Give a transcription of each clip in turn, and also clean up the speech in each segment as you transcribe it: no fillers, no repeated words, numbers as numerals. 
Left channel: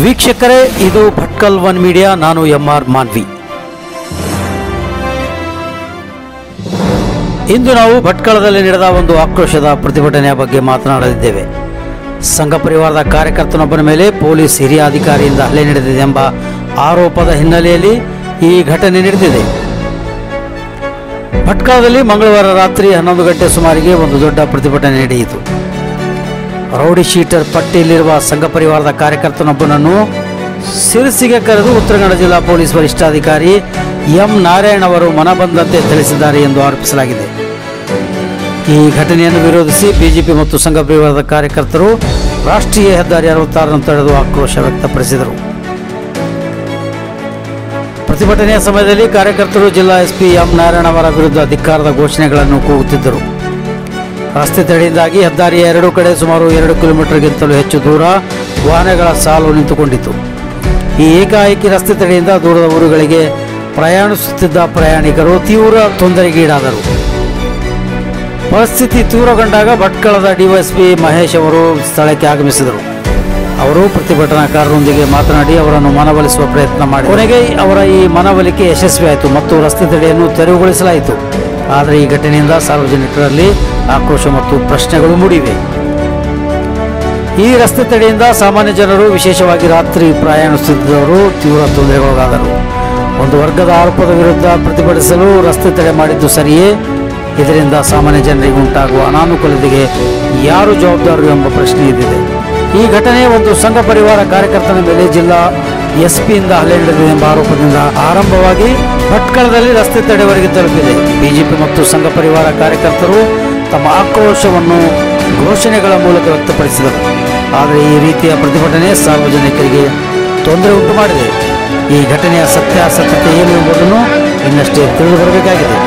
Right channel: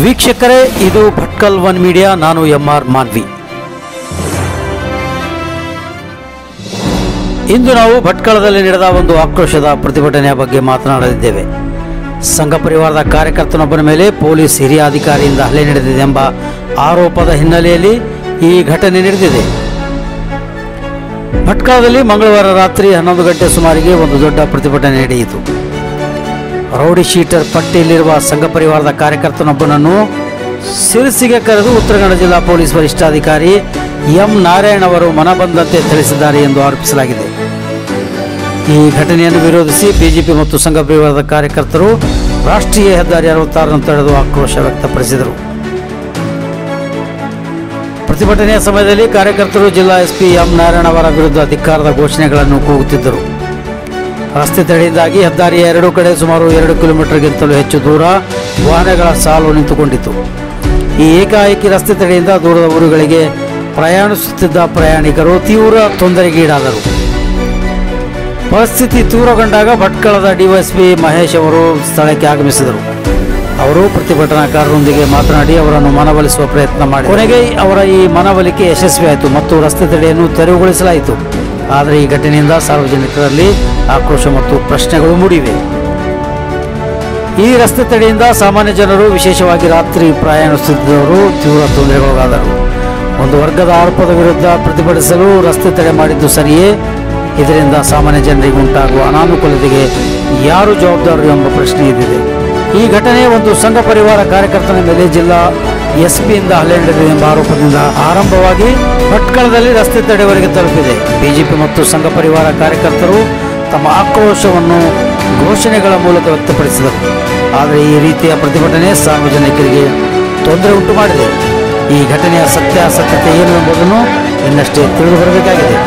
ವೀಕ್ಷಕರೇ, ಇದು Bhatkal one media. ನಾನು MR ಮಾನ್ವಿ. ಇಂದು ನಾವು ಭಟ್ಕಳದಲ್ಲಿ ನಡೆದ ಒಂದು ಆಕ್ರೋಶದ ಪ್ರತಿಭಟನೆಯ ಬಗ್ಗೆ ಮಾತನಾಡಲಿದ್ದೇವೆ. ಸಂಘ ಪರಿವಾರದ ಕಾರ್ಯಕರ್ತನೊಬ್ಬನ ಮೇಲೆ ಪೊಲೀಸ್ ಹಿರಿಯ ಅಧಿಕಾರಿಯಿಂದ ಹಲ್ಲೆ ನಡೆದಿದೆ ಎಂಬ ಆರೋಪದ ಹಿನ್ನೆಲೆಯಲ್ಲಿ ಈ ಘಟನೆ ನಡೆದಿದೆ. ಭಟ್ಕಳದಲ್ಲಿ ಮಂಗಳವಾರ ರಾತ್ರಿ 11 ಗಂಟೆ ಸುಮಾರಿಗೆ ಒಂದು ದೊಡ್ಡ ಪ್ರತಿಭಟನೆ ನಡೆಯಿತು. ರೌಡಿ ಶೀಟರ್ ಪಟ್ಟಿಯಲ್ಲಿರುವ ಸಂಘ ಪರಿವಾರದ ಕಾರ್ಯಕರ್ತನೊಬ್ಬನನ್ನು ಸಿರಸಿಗೆ ಕರೆದು ಉತ್ತರ ಕನ್ನಡ ಜಿಲ್ಲಾ ಪೊಲೀಸ್ ವರಿಷ್ಠಾಧಿಕಾರಿ ಎಂ ನಾರಾಯಣ್ ಅವರು ಮನಬಂದಂತೆ ತಿಳಿಸಿದ್ದಾರೆ ಎಂದು ಆರೋಪಿಸಲಾಗಿದೆ. ಈ ಘಟನೆಯನ್ನು ವಿರೋಧಿಸಿ ಬಿಜೆಪಿ ಮತ್ತು ಸಂಘ ಪರಿವಾರದ ಕಾರ್ಯಕರ್ತರು ರಾಷ್ಟ್ರೀಯ ಹೆದ್ದಾರಿ 66 ತಡೆದು ಆಕ್ರೋಶ ವ್ಯಕ್ತಪಡಿಸಿದರು. ಪ್ರತಿಭಟನೆಯ ಸಮಯದಲ್ಲಿ ಕಾರ್ಯಕರ್ತರು ಜಿಲ್ಲಾ ಎಸ್ಪಿ ಎಂ ನಾರಾಯಣ್ ಅವರ ವಿರುದ್ಧ ಧಿಕ್ಕಾರದ ಘೋಷಣೆಗಳನ್ನು ಕೂಗುತ್ತಿದ್ದರು. ರಸ್ತೆ ತಡೆಯಿಂದಾಗಿ ಹೆದ್ದಾರಿಯ ಎರಡೂ ಕಡೆ ಸುಮಾರು 2 ಕಿಲೋಮೀಟರ್ಗಿಂತಲೂ ಹೆಚ್ಚು ದೂರ ವಾಹನಗಳ ಸಾಲು ನಿಂತುಕೊಂಡಿತು. ಈ ಏಕಾಏಕಿ ರಸ್ತೆ ತಡೆಯಿಂದ ದೂರದ ಊರುಗಳಿಗೆ ಪ್ರಯಾಣಿಸುತ್ತಿದ್ದ ಪ್ರಯಾಣಿಕರು ತೀವ್ರ ತೊಂದರೆಗೀಡಾದರು. ಪರಿಸ್ಥಿತಿ ತೀವ್ರಗೊಂಡಾಗ ಭಟ್ಕಳದ ಡಿವೈಎಸ್ಪಿ ಮಹೇಶ್ ಅವರು ಸ್ಥಳಕ್ಕೆ ಆಗಮಿಸಿದರು. ಅವರು ಪ್ರತಿಭಟನಾಕಾರರೊಂದಿಗೆ ಮಾತನಾಡಿ ಅವರನ್ನು ಮನವೊಲಿಸುವ ಪ್ರಯತ್ನ ಮಾಡಿ ಕೊನೆಗೆ ಅವರ ಈ ಮನವೊಲಿಕೆ ಯಶಸ್ವಿಯಾಯಿತು ಮತ್ತು ರಸ್ತೆ ತಡೆಯನ್ನು ತೆರವುಗೊಳಿಸಲಾಯಿತು. ಆದರೆ ಈ ಘಟನೆಯಿಂದ ಸಾರ್ವಜನಿಕರಲ್ಲಿ ಆಕ್ರೋಶ ಮತ್ತು ಪ್ರಶ್ನೆಗಳು ಮೂಡಿವೆ. ಈ ರಸ್ತೆ ತಡೆಯಿಂದ ಸಾಮಾನ್ಯ ಜನರು, ವಿಶೇಷವಾಗಿ ರಾತ್ರಿ ಪ್ರಯಾಣಿಸುತ್ತಿದ್ದವರು ತೀವ್ರ ತೊಂದರೆಗೊಳಗಾದರು. ಒಂದು ವರ್ಗದ ಆರೋಪದ ವಿರುದ್ಧ ಪ್ರತಿಭಟಿಸಲು ರಸ್ತೆ ತಡೆ ಮಾಡಿದ್ದು ಸರಿಯೇ? ಇದರಿಂದ ಸಾಮಾನ್ಯ ಜನರಿಗೆ ಉಂಟಾಗುವ ಅನಾನುಕೂಲತೆಗೆ ಯಾರು ಜವಾಬ್ದಾರರು ಎಂಬ ಪ್ರಶ್ನೆ ಇದ್ದಿದೆ. ಈ ಘಟನೆ ಒಂದು ಸಂಘ ಪರಿವಾರ ಕಾರ್ಯಕರ್ತನ ಮೇಲೆ ಜಿಲ್ಲಾ ಎಸ್ಪಿಯಿಂದ ಹಲ್ಲೆ ನಡೆದಿದೆ ಎಂಬ ಆರೋಪದಿಂದ ಆರಂಭವಾಗಿ ಭಟ್ಕಳದಲ್ಲಿ ರಸ್ತೆ ತಡೆವರೆಗೆ ತಲುಪಿದೆ. ಬಿಜೆಪಿ ಮತ್ತು ಸಂಘ ಪರಿವಾರ ಕಾರ್ಯಕರ್ತರು ತಮ್ಮ ಆಕ್ರೋಶವನ್ನು ಘೋಷಣೆಗಳ ಮೂಲಕ ವ್ಯಕ್ತಪಡಿಸಿದರು. ಆದರೆ ಈ ರೀತಿಯ ಪ್ರತಿಭಟನೆ ಸಾರ್ವಜನಿಕರಿಗೆ ತೊಂದರೆ ಉಂಟು ಮಾಡಿದೆ. ಈ ಘಟನೆಯ ಸತ್ಯಾಸತ್ಯತೆ ಏನು ಎಂಬುದನ್ನು ಇನ್ನಷ್ಟೇ ತಿಳಿದು ಬರಬೇಕಾಗಿದೆ.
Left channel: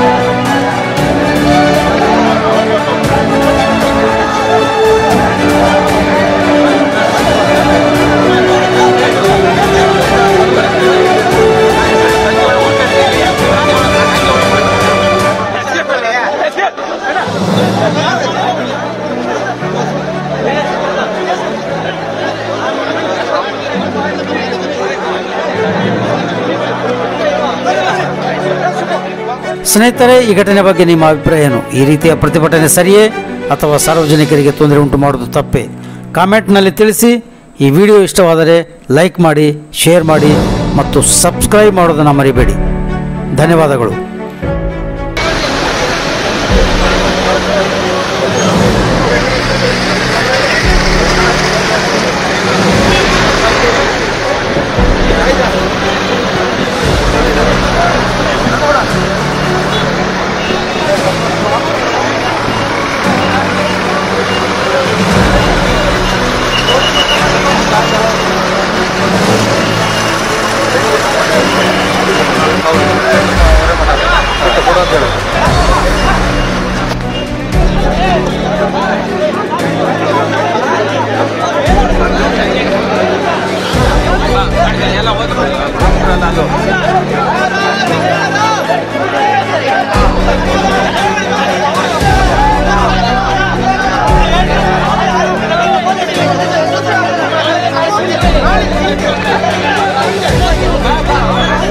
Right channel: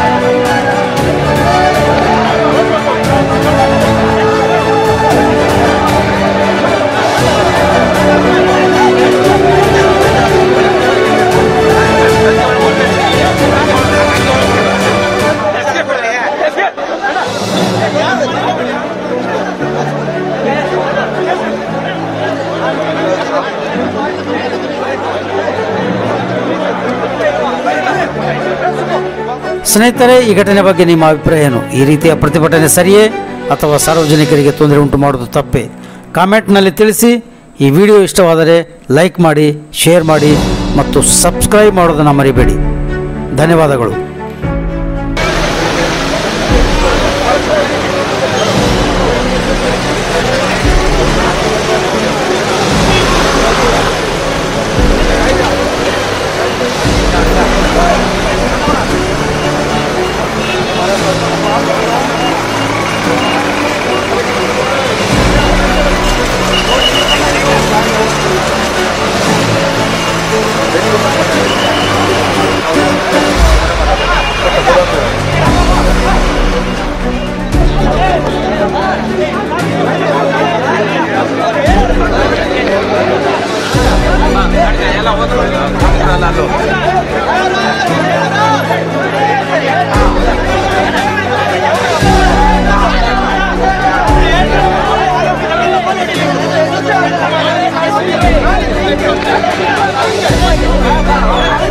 ಸ್ನೇಹಿತರೆ, ಈ ಘಟನೆ ಬಗ್ಗೆ ನಿಮ್ಮ ಅಭಿಪ್ರಾಯ ಏನು? ಈ ರೀತಿಯ ಪ್ರತಿಭಟನೆ ಸರಿಯೇ ಅಥವಾ ಸಾರ್ವಜನಿಕರಿಗೆ ತೊಂದರೆ ಉಂಟು ಮಾಡುವುದು ತಪ್ಪೇ? ಕಾಮೆಂಟ್ನಲ್ಲಿ ತಿಳಿಸಿ. ಈ ವಿಡಿಯೋ ಇಷ್ಟವಾದರೆ ಲೈಕ್ ಮಾಡಿ, ಶೇರ್ ಮಾಡಿ ಮತ್ತು ಸಬ್ಸ್ಕ್ರೈಬ್ ಮಾಡೋದನ್ನು ಮರಿಬೇಡಿ. ಧನ್ಯವಾದಗಳು. Bye-bye.